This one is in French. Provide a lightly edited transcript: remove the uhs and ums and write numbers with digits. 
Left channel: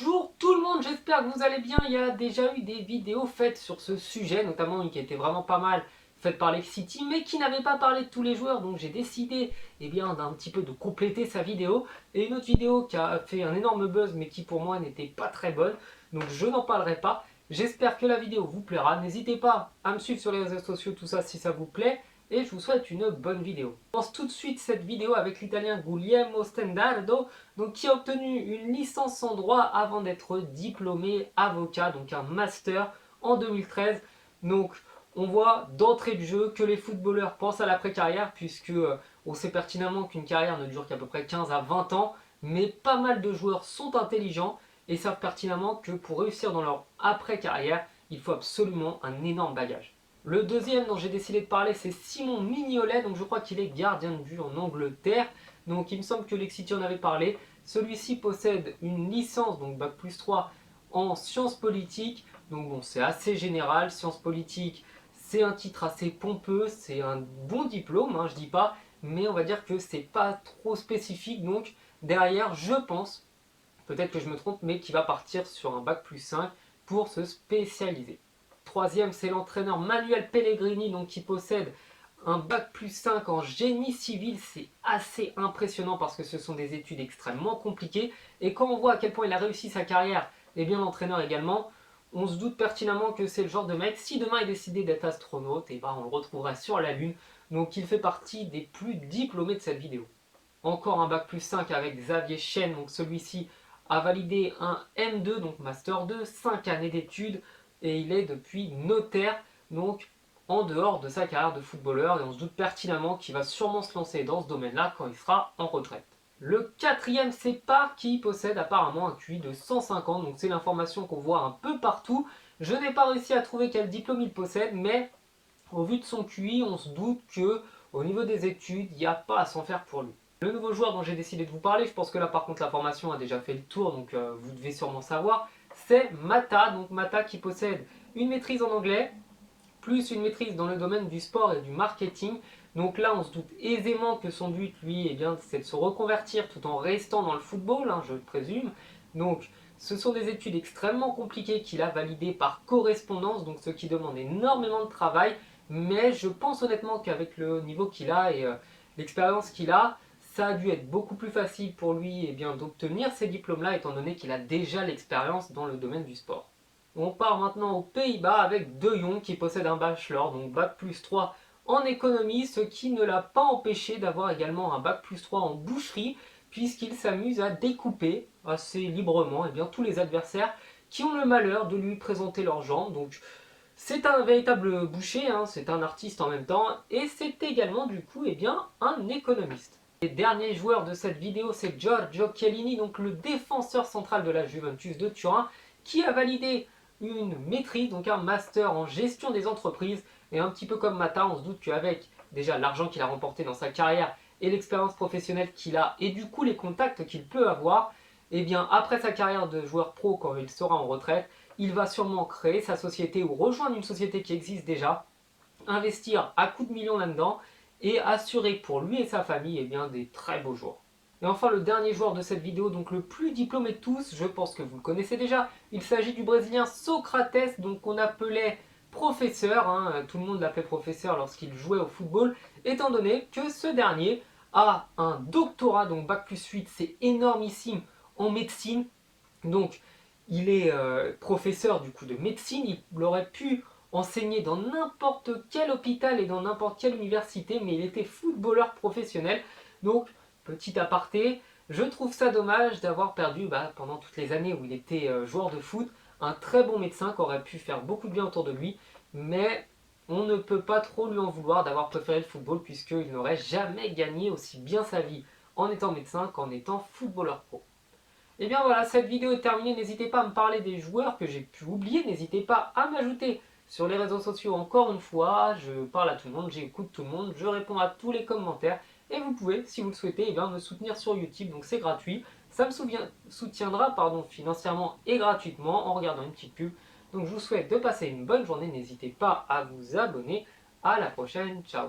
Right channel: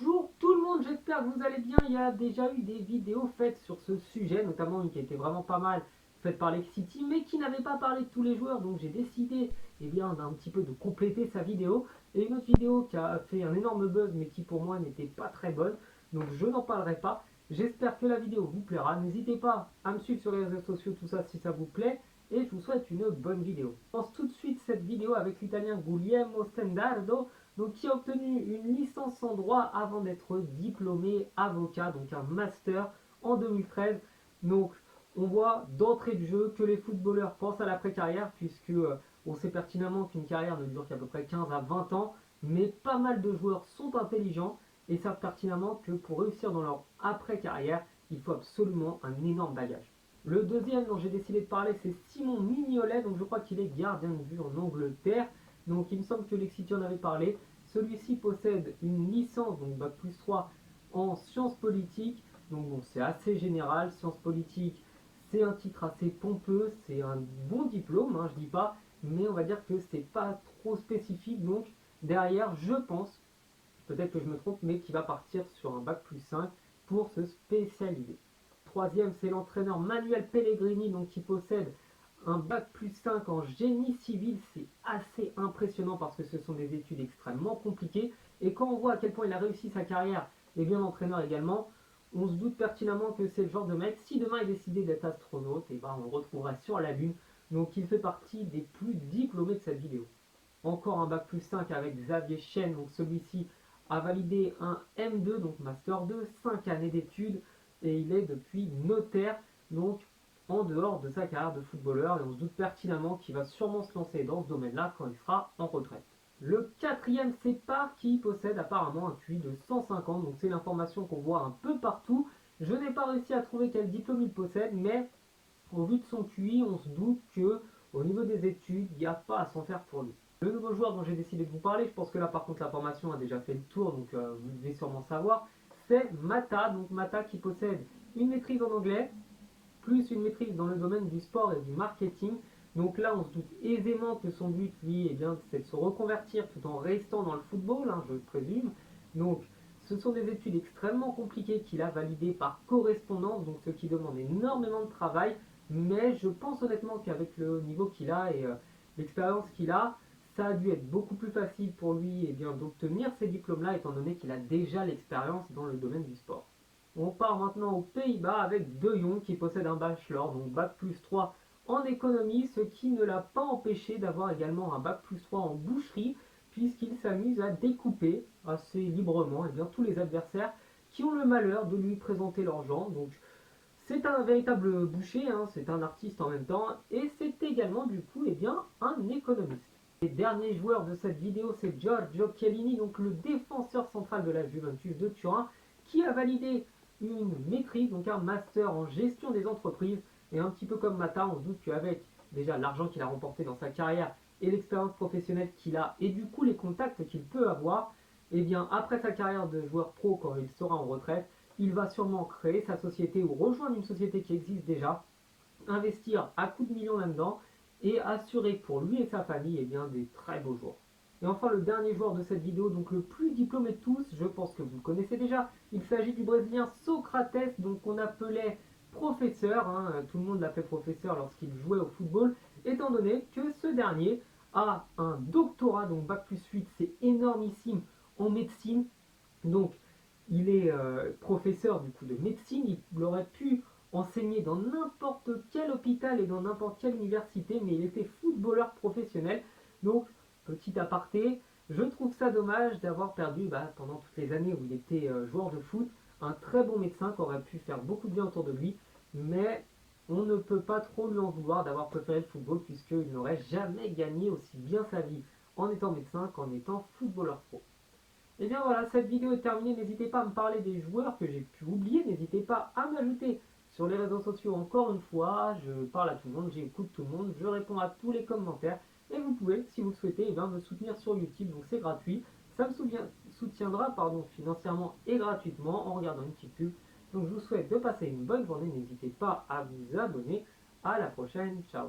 Bonjour tout le monde, j'espère que vous allez bien. Il y a déjà eu des vidéos faites sur ce sujet, notamment une qui était vraiment pas mal, faite par Lex City, mais qui n'avait pas parlé de tous les joueurs, donc j'ai décidé d'un petit peu de compléter sa vidéo. Et une autre vidéo qui a fait un énorme buzz, mais qui pour moi n'était pas très bonne, donc je n'en parlerai pas. J'espère que la vidéo vous plaira. N'hésitez pas à me suivre sur les réseaux sociaux, tout ça, si ça vous plaît. Et je vous souhaite une bonne vidéo. Je commence tout de suite cette vidéo avec l'italien Guglielmo Stendardo, donc qui a obtenu une licence en droit avant d'être diplômé avocat, donc un master en 2013. Donc on voit d'entrée de jeu que les footballeurs pensent à l'après-carrière, puisque on sait pertinemment qu'une carrière ne dure qu'à peu près 15 à 20 ans, mais pas mal de joueurs sont intelligents et savent pertinemment que pour réussir dans leur après-carrière, il faut absolument un énorme bagage. Le deuxième dont j'ai décidé de parler, c'est Simon Mignolet, donc je crois qu'il est gardien de but en Angleterre. Donc il me semble que Lexity en avait parlé. Celui-ci possède une licence, donc Bac+3 en sciences politiques. Donc bon, c'est assez général, sciences politiques, c'est un titre assez pompeux, c'est un bon diplôme, je dis pas, mais on va dire que c'est pas trop spécifique. Donc derrière, je pense, peut-être que je me trompe, mais qu'il va partir sur un Bac+5 pour se spécialiser. Troisième, c'est l'entraîneur Manuel Pellegrini, donc qui possède un Bac+5 en génie civil. C'est assez impressionnant parce que ce sont des études extrêmement compliquées. Et quand on voit à quel point il a réussi sa carrière, et bien l'entraîneur également, on se doute pertinemment que c'est le genre de mec, si demain il décidait d'être astronaute, et ben on le retrouvera sur la Lune. Donc il fait partie des plus diplômés de cette vidéo. Encore un Bac+5 avec Xavier Chen, donc celui-ci a validé un M2, donc Master 2, 5 années d'études, et il est depuis notaire, donc en dehors de sa carrière de footballeur, et on se doute pertinemment qu'il va sûrement se lancer dans ce domaine-là quand il sera en retraite. Le quatrième, c'est Park qui possède apparemment un QI de 150, donc c'est l'information qu'on voit un peu partout. Je n'ai pas réussi à trouver quel diplôme il possède, mais au vu de son QI, on se doute que au niveau des études, il n'y a pas à s'en faire pour lui. Le nouveau joueur dont j'ai décidé de vous parler, je pense que là par contre la formation a déjà fait le tour, donc vous devez sûrement savoir, c'est Mata. Donc Mata qui possède une maîtrise en anglais, plus une maîtrise dans le domaine du sport et du marketing. Donc là on se doute aisément que son but, lui, c'est de se reconvertir tout en restant dans le football, je présume. Donc ce sont des études extrêmement compliquées qu'il a validées par correspondance, donc ce qui demande énormément de travail, mais je pense honnêtement qu'avec le niveau qu'il a et l'expérience qu'il a, ça a dû être beaucoup plus facile pour lui d'obtenir ces diplômes-là, étant donné qu'il a déjà l'expérience dans le domaine du sport. On part maintenant aux Pays-Bas avec De Jong qui possède un bachelor, donc Bac+3 en économie, ce qui ne l'a pas empêché d'avoir également un Bac+3 en boucherie, puisqu'il s'amuse à découper assez librement tous les adversaires qui ont le malheur de lui présenter leurs jambes. Donc c'est un véritable boucher, c'est un artiste en même temps, et c'est également du coup un économiste. Le dernier joueur de cette vidéo, c'est Giorgio Chiellini, donc le défenseur central de la Juventus de Turin, qui a validé une maîtrise, donc un master en gestion des entreprises. Et un petit peu comme Mata, on se doute qu'avec déjà l'argent qu'il a remporté dans sa carrière et l'expérience professionnelle qu'il a, et du coup les contacts qu'il peut avoir, après sa carrière de joueur pro, quand il sera en retraite, il va sûrement créer sa société ou rejoindre une société qui existe déjà, investir à coups de millions là-dedans, et assurer pour lui et sa famille des très beaux jours. Et enfin le dernier joueur de cette vidéo, donc le plus diplômé de tous, je pense que vous le connaissez déjà, il s'agit du Brésilien Socrates, donc qu'on appelait professeur, tout le monde l'appelait professeur lorsqu'il jouait au football, étant donné que ce dernier a un doctorat, donc Bac+8, c'est énormissime, en médecine, donc il est professeur du coup de médecine, il aurait pu enseigner dans n'importe quel hôpital et dans n'importe quelle université, mais il était footballeur professionnel. Donc, petit aparté, je trouve ça dommage d'avoir perdu, pendant toutes les années où il était joueur de foot, un très bon médecin qui aurait pu faire beaucoup de bien autour de lui, mais on ne peut pas trop lui en vouloir d'avoir préféré le football, puisqu'il n'aurait jamais gagné aussi bien sa vie en étant médecin qu'en étant footballeur pro. Et bien voilà, cette vidéo est terminée. N'hésitez pas à me parler des joueurs que j'ai pu oublier. N'hésitez pas à m'ajouter sur les réseaux sociaux. Encore une fois, je parle à tout le monde, j'écoute tout le monde, je réponds à tous les commentaires. Et vous pouvez, si vous le souhaitez, me soutenir sur YouTube. Donc c'est gratuit. Ça me soutiendra financièrement et gratuitement en regardant une petite pub. Donc je vous souhaite de passer une bonne journée. N'hésitez pas à vous abonner. À la prochaine. Ciao.